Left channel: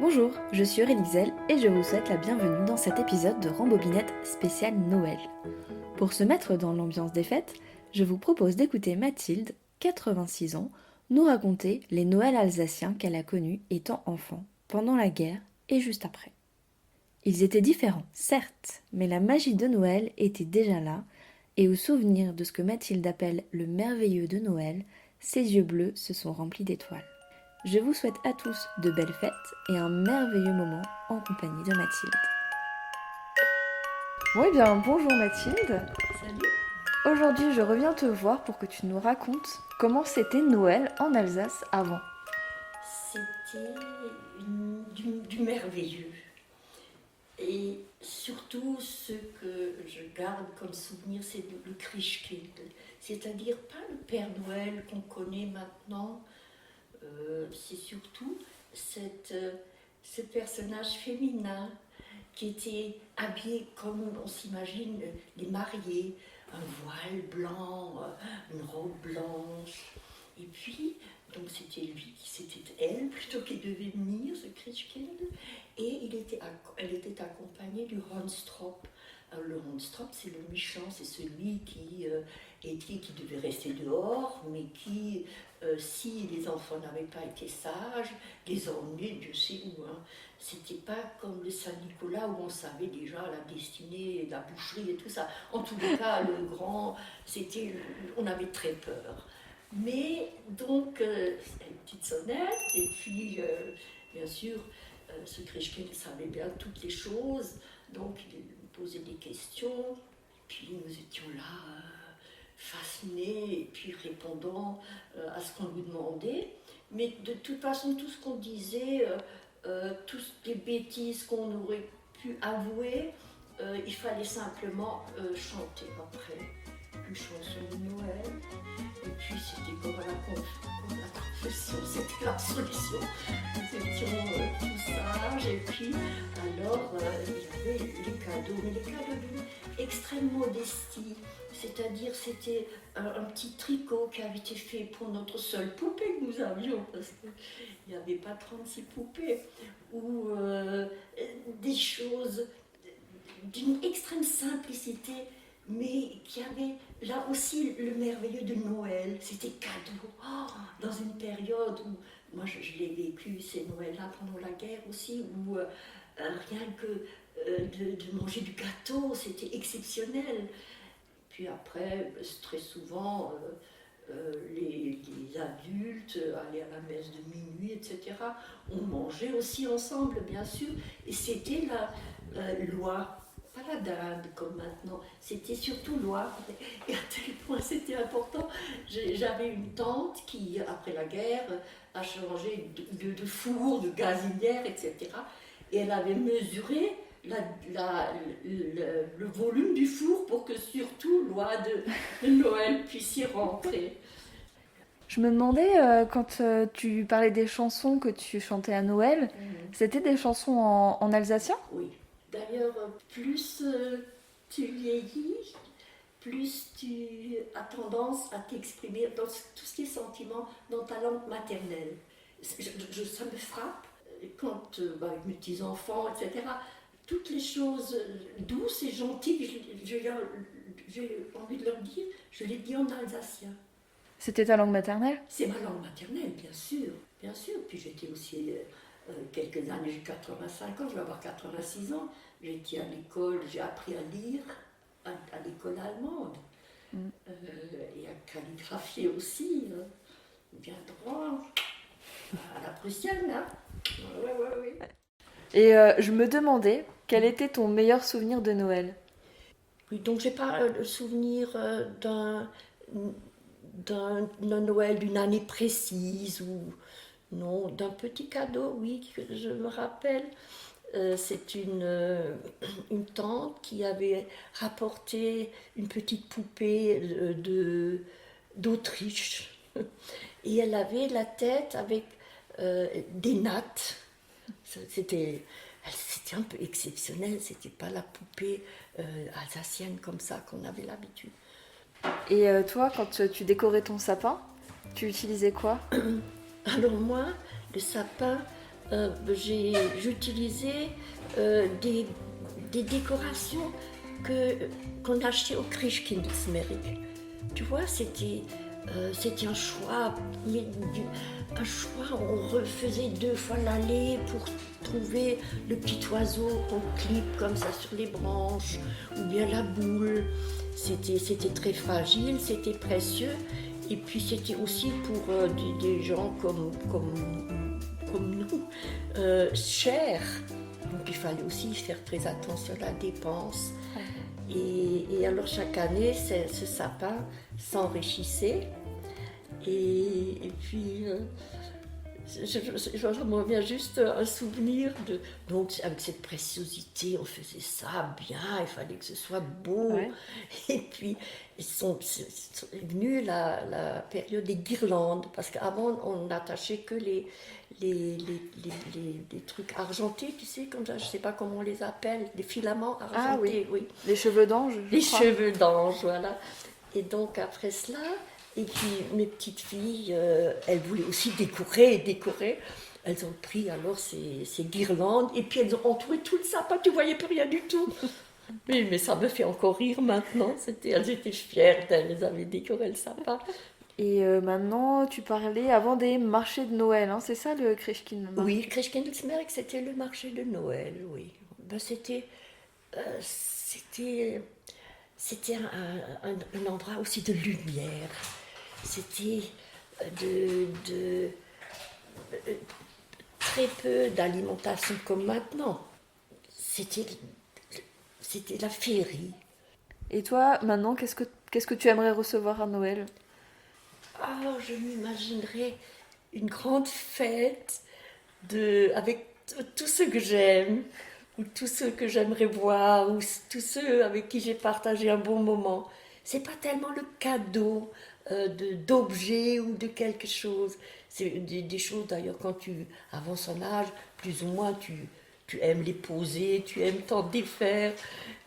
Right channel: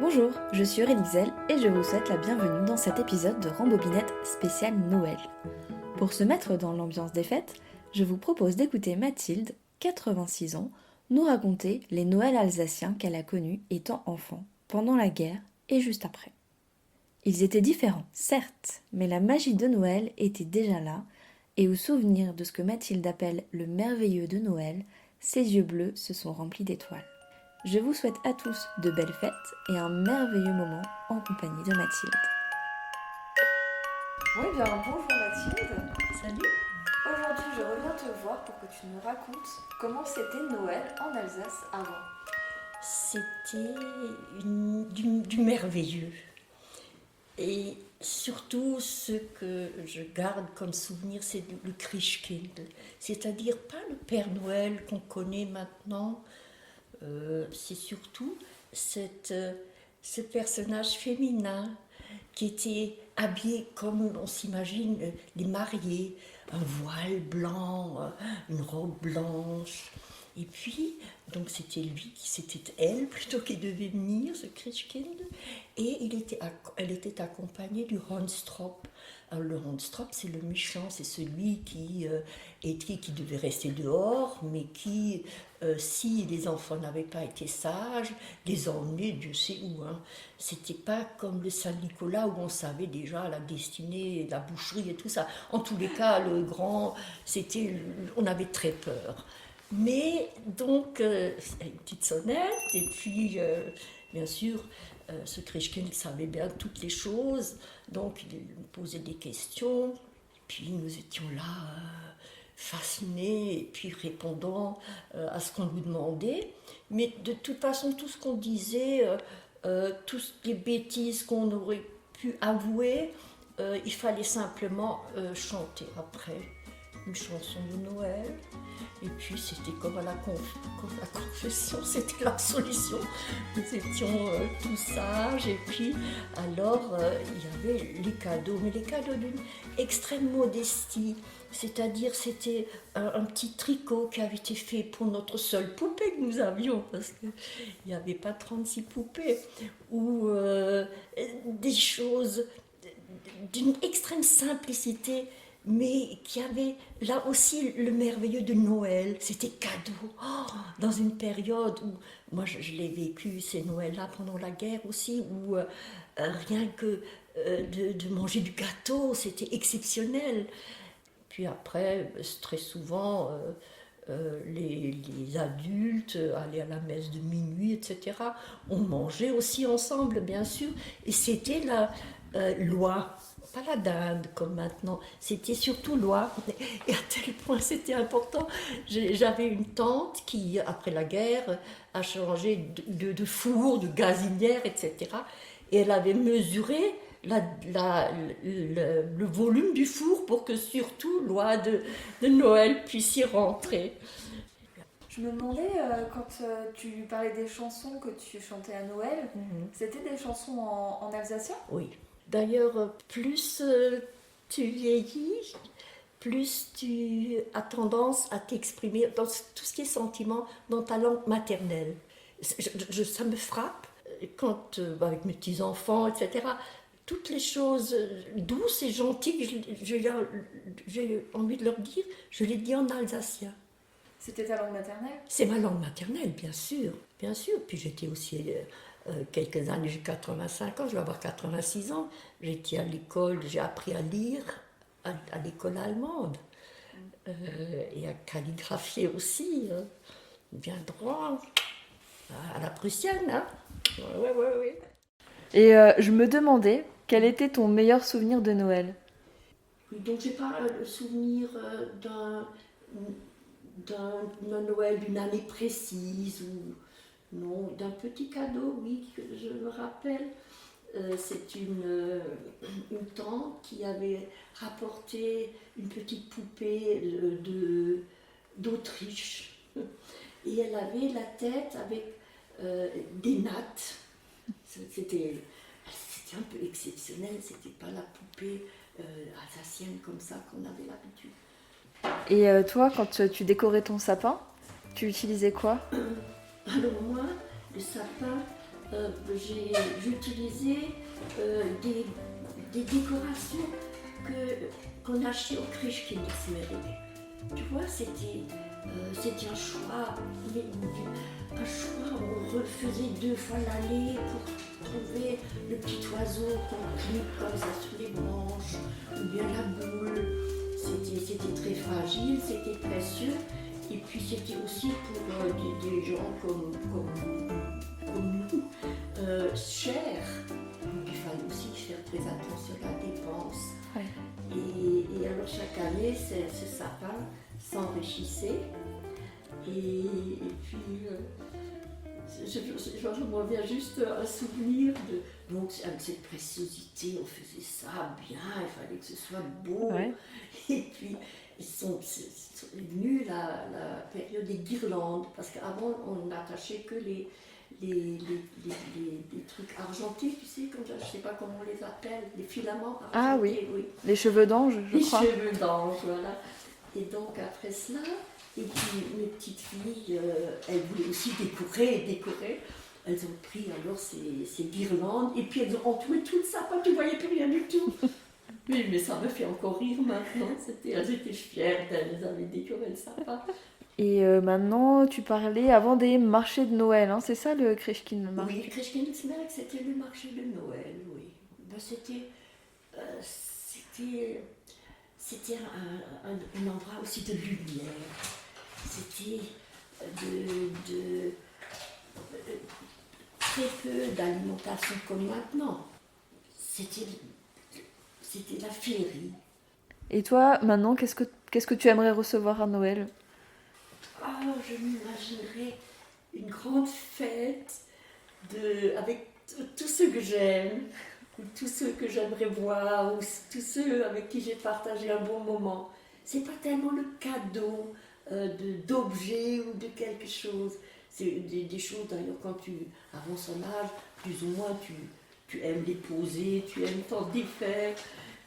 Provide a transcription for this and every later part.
Bonjour, je suis Aurélie Xel et je vous souhaite la bienvenue dans cet épisode de Rambobinette spécial Noël. Pour se mettre dans l'ambiance des fêtes, je vous propose d'écouter Mathilde, 86 ans, nous raconter les Noëls alsaciens qu'elle a connus étant enfant, pendant la guerre et juste après. Ils étaient différents, certes, mais la magie de Noël était déjà là, et au souvenir de ce que Mathilde appelle le merveilleux de Noël, ses yeux bleus se sont remplis d'étoiles. Je vous souhaite à tous de belles fêtes et un merveilleux moment en compagnie de Mathilde. Bon, eh bien, bonjour Mathilde. Salut. Aujourd'hui, je reviens te voir pour que tu nous racontes comment c'était Noël en Alsace avant. C'était du merveilleux. Et surtout, ce que je garde comme souvenir, c'est le Christkind. C'est-à-dire pas le Père Noël qu'on connaît maintenant, c'est surtout ce personnage féminin qui était habillé comme on s'imagine les mariés, un voile blanc, une robe blanche. Et puis, donc c'était elle plutôt qui devait venir, ce Christkind, et elle était accompagnée du Hornstrop. Alors, le Hornstrop, c'est le méchant, c'est celui qui devait rester dehors, mais qui, si les enfants n'avaient pas été sages, les emmenait Dieu sait où. Hein. C'était pas comme le Saint-Nicolas où on savait déjà la destinée, la boucherie et tout ça. En tous les cas, le grand, on avait très peur. Mais donc, une petite sonnette, et puis, bien sûr, ce Christkind savait bien toutes les choses, donc il nous posait des questions, et puis nous étions là, fascinés, et puis répondant à ce qu'on lui demandait. Mais de toute façon, tout ce qu'on disait, toutes les bêtises qu'on aurait pu avouer, il fallait simplement chanter après une chanson de Noël. Et puis c'était comme à la confession, c'était la solution. Nous étions tous sages et puis alors il y avait les cadeaux, mais les cadeaux d'une extrême modestie. C'est-à-dire c'était un petit tricot qui avait été fait pour notre seule poupée que nous avions, parce qu'il n'y avait pas 36 poupées, ou des choses d'une extrême simplicité, mais qui avait là aussi le merveilleux de Noël. C'était cadeau, dans une période où, moi je l'ai vécu, ces Noëls-là pendant la guerre aussi, où rien que de manger du gâteau, c'était exceptionnel. Puis après, très souvent, les adultes allaient à la messe de minuit, etc. On mangeait aussi ensemble, bien sûr, et c'était la loi. Pas la dinde comme maintenant, c'était surtout loi. Et à tel point c'était important. J'avais une tante qui, après la guerre, a changé de four, de gazinière, etc. Et elle avait mesuré le volume du four pour que surtout loi de Noël puisse y rentrer. Je me demandais, quand tu parlais des chansons que tu chantais à Noël, c'était des chansons en alsacien ? Oui. D'ailleurs, plus tu vieillis, plus tu as tendance à t'exprimer dans tout ce qui est sentiment dans ta langue maternelle. Ça me frappe quand, avec mes petits-enfants, etc., toutes les choses douces et gentilles que j'ai envie de leur dire, je les dis en alsacien. C'était ta langue maternelle ? C'est ma langue maternelle, bien sûr, bien sûr. Puis j'étais aussi quelques années, j'ai 85 ans, je vais avoir 86 ans. J'étais à l'école, j'ai appris à lire à l'école allemande. Et à calligraphier aussi, bien droit, à la prussienne. Hein. Ouais. Et je me demandais, quel était ton meilleur souvenir de Noël ? Oui, donc j'ai pas le souvenir d'un Noël, d'une année précise, ou non, d'un petit cadeau, oui, que je me rappelle. C'est une tante qui avait rapporté une petite poupée d'Autriche. Et elle avait la tête avec des nattes. C'était un peu exceptionnel, c'était pas la poupée alsacienne comme ça qu'on avait l'habitude. Et toi, quand tu décorais ton sapin, tu utilisais quoi ? Alors moi, le sapin, j'utilisais des décorations qu'on achetait au Christkindlesmerk. Tu vois, c'était un choix, on refaisait 2 fois l'aller pour trouver le petit oiseau qu'on clique comme ça sur les branches, ou bien la boule. C'était très fragile, c'était précieux, et puis c'était aussi pour des gens comme nous, cher. Donc il fallait aussi faire très attention à la dépense. Ouais. Et alors chaque année, ce sapin s'enrichissait. Et puis, je me reviens juste un souvenir de... Donc avec cette préciosité, on faisait ça bien, il fallait que ce soit beau. Ouais. Et puis, c'est venu la période des guirlandes, parce qu'avant, on n'attachait que les trucs argentés, tu sais, comme ça, je ne sais pas comment on les appelle, les filaments argentés. Ah oui, oui. les cheveux d'ange, je Les crois. cheveux d'ange, voilà. Et donc après cela, et puis mes petites filles, elles voulaient aussi décorer. Elles ont pris alors ces guirlandes, et puis elles ont entouré tout le sapin, tu ne voyais plus rien du tout. Oui, mais ça me fait encore rire maintenant. Elles étaient fières d'elles avaient décoré le sapin. Et maintenant, tu parlais avant des marchés de Noël, hein, c'est ça le Christkindlesmarkt? Oui, le Christkindlesmerk, c'était le marché de Noël, oui. Ben, c'était un endroit aussi de lumière. C'était de très peu d'alimentation comme maintenant. C'était la féerie. Et toi, maintenant, qu'est-ce que tu aimerais recevoir à Noël? Oh, je m'imaginerais une grande fête avec tous ceux que j'aime, ou tous ceux que j'aimerais voir, ou tous ceux avec qui j'ai partagé un bon moment. C'est pas tellement le cadeau d'objets ou de quelque chose. C'est des choses d'ailleurs quand tu avances en âge, plus ou moins tu aimes les poser, tu aimes t'en défaire,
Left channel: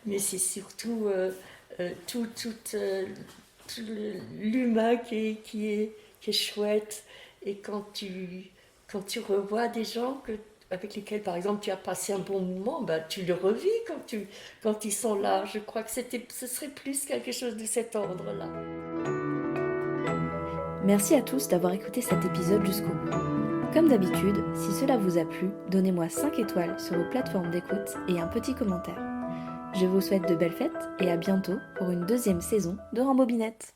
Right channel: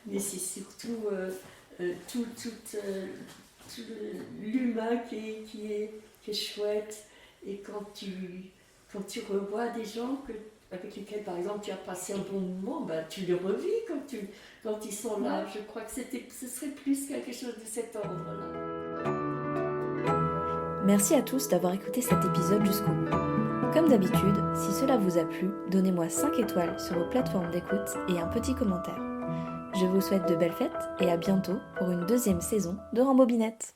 mais c'est surtout tout l'humain qui est chouette. Et quand tu revois des gens avec lesquels, par exemple, tu as passé un bon moment, ben, tu le revis quand ils sont là. Je crois que ce serait plus quelque chose de cet ordre-là. Merci à tous d'avoir écouté cet épisode jusqu'au bout. Comme d'habitude, si cela vous a plu, donnez-moi 5 étoiles sur vos plateformes d'écoute et un petit commentaire. Je vous souhaite de belles fêtes et à bientôt pour une 2e saison de Rambobinette.